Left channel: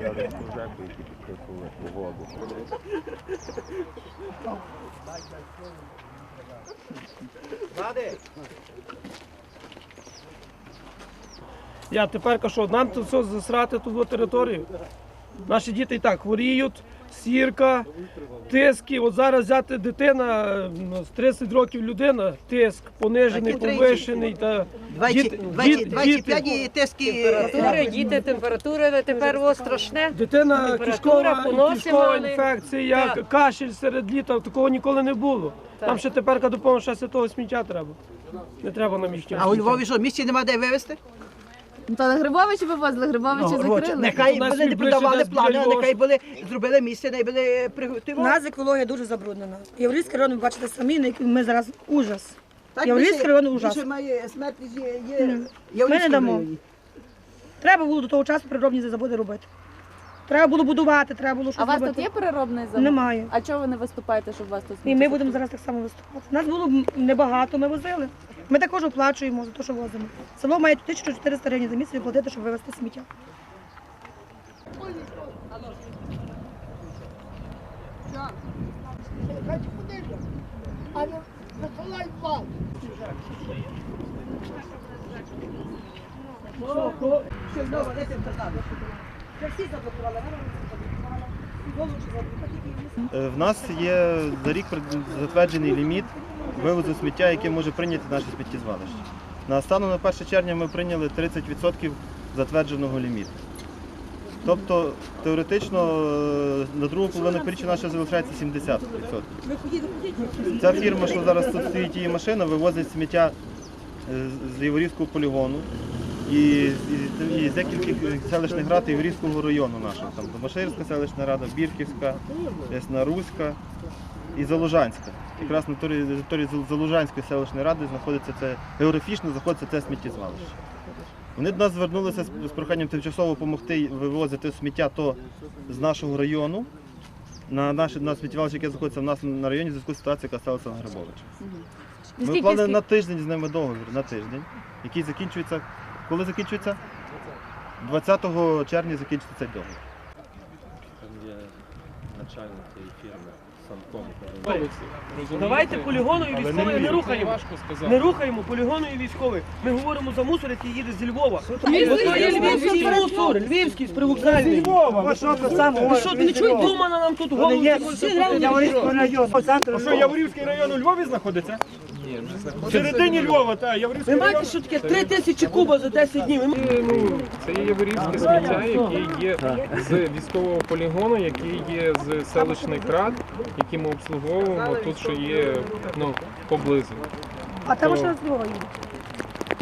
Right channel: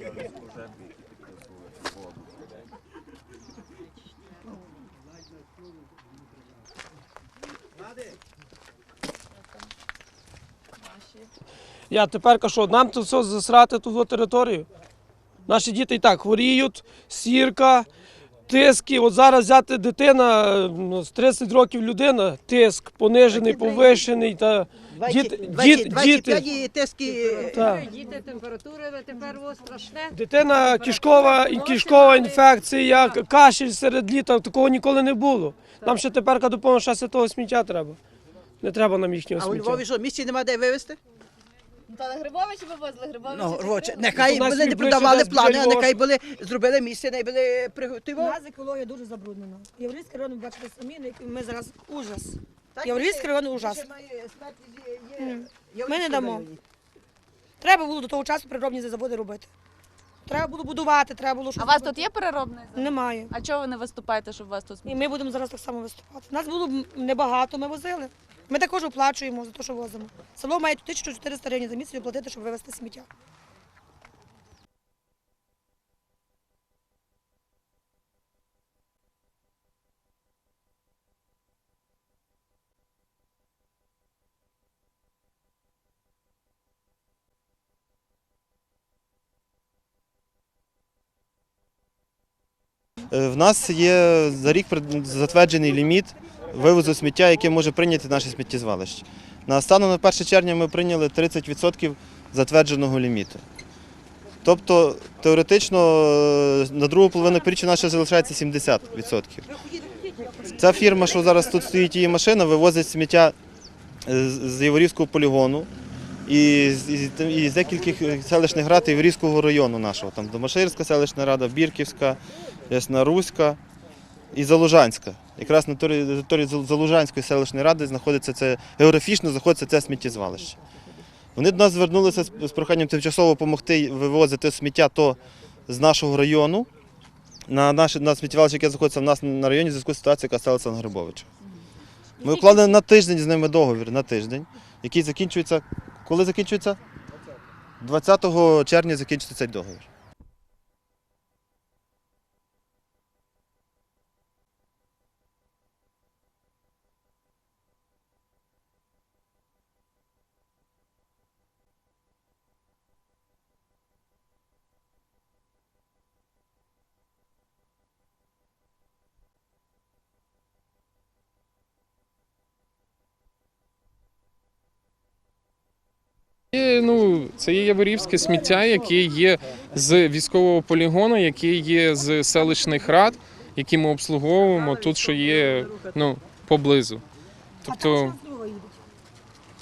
Я десь жеку, які підписували воду. Я тепер що, нам тут все засрати ту територію. Наші діти і так хворіють, сірка, тиски. От зараз взяти дитина з 30 років людина, тиск понижений, повищений. Та діти, діти, 25 і тиски. Температури, діти, температури, тепер о, страшне. Дитина Температура, кишкова, поноси кишкова мали. інфекція, Так. кашель серед літа, такого ніколи не було. Нам ще тепер допомога ще святого сміття треба. Не треба нам їхнього А у сміття. Львові що, місці нема де вивезти? Та на Грибовичі вивозили, Грибовичі Ну, закрили. Нехай У нас були не і продавали плани, а нехай були зробили місце, не були У приготували. нас екологія дуже забруднена. Єврейський район, ви бачите самі, на який ми зараз ужас. Єврейський район ужас. має смертність є, М. Ми не дамо. Треба було до того часу переробні заводи робити. Треба було будувати, треба було А у вас робити. тут є переробний завод? Немає. А чого ви не виступаєте, щоб вас тут І ми будемо зараз так само виступати. Нас було б небагато, ми возили. Ми також оплачуємо за те, що возимо. Село має 1400 гривень за місяць оплатити, щоб вивезти сміття. Е, В нас є за рік затверджений ліміт вивозу сміття, яке може прийняти наше сміттєзвалище. На станом на 1 червня ми прийняли 30% затвердженого ліміту. Тобто теоретично е, на другу половину півріччя наше залишається 70%. Ця фірма, що зараз тут стоїть її машина, вивозить сміття е, з- Яворівського полігону і, з- і селищних рад Яворівського району нашого. Там Домаширська селищна рада, Бірківська, Ясна Руська і Залужанська. Якраз на території Залужанської селищної ради знаходиться це географічно знаходиться це сміттєзвалище. Вони до нас звернулися з проханням тимчасово допомогти вивозити сміття то з нашого району на наше на сміттєзвалище, яке знаходиться в нас на районі в зв'язку з ситуацією, яка сталася на Грибовича. Ми вкладали на тиждень з ними договір, на тиждень, який закінчується. Коли закінчується? 20 червня закінчиться цей договір. Давайте полігону і військових не рухаємо. Не рухаємо полігону і військових. Ми говоримо за мусор, який їде зі Львова. Львівський мусор, львівський з привокзальний. Ви що, не чуєте, Думана нам тут голову? А що, Яворівський район у Львові знаходиться? Ні, В середині Львова, так, Ви Яворівський знаєте, район. що таке 3 тисячі куба за 10 днів? Ну, це є яворівське сміття, яке є з військового полігону, яке є з селищних рад, які ми обслуговуємо тут, що є ну, поблизу. А То- там що з Львова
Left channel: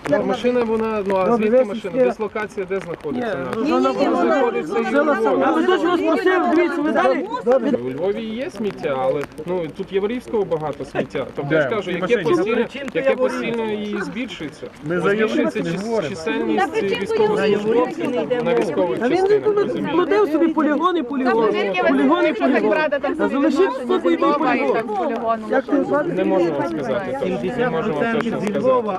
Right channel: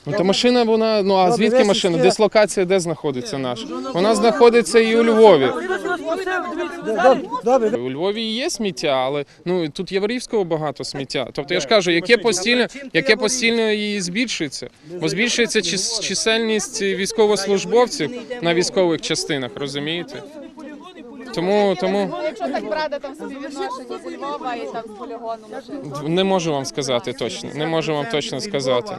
Та машина, вона, ну а звідки машина? Дислокація де знаходиться наша? Вона знаходиться і у Львові. У Львові є сміття, але ну тут яворівського багато сміття. Тобто я ж кажу, яке постійно, яке постійно і збільшується. Бо збільшується чис- чисельність військовослужбовців на військових частинах, розумієте? Ходив собі. Тому, тому Якщо так брати, там собі відношення зі Львова і так з полігону. не можу вам сказати точно, не можу вам точно сказати.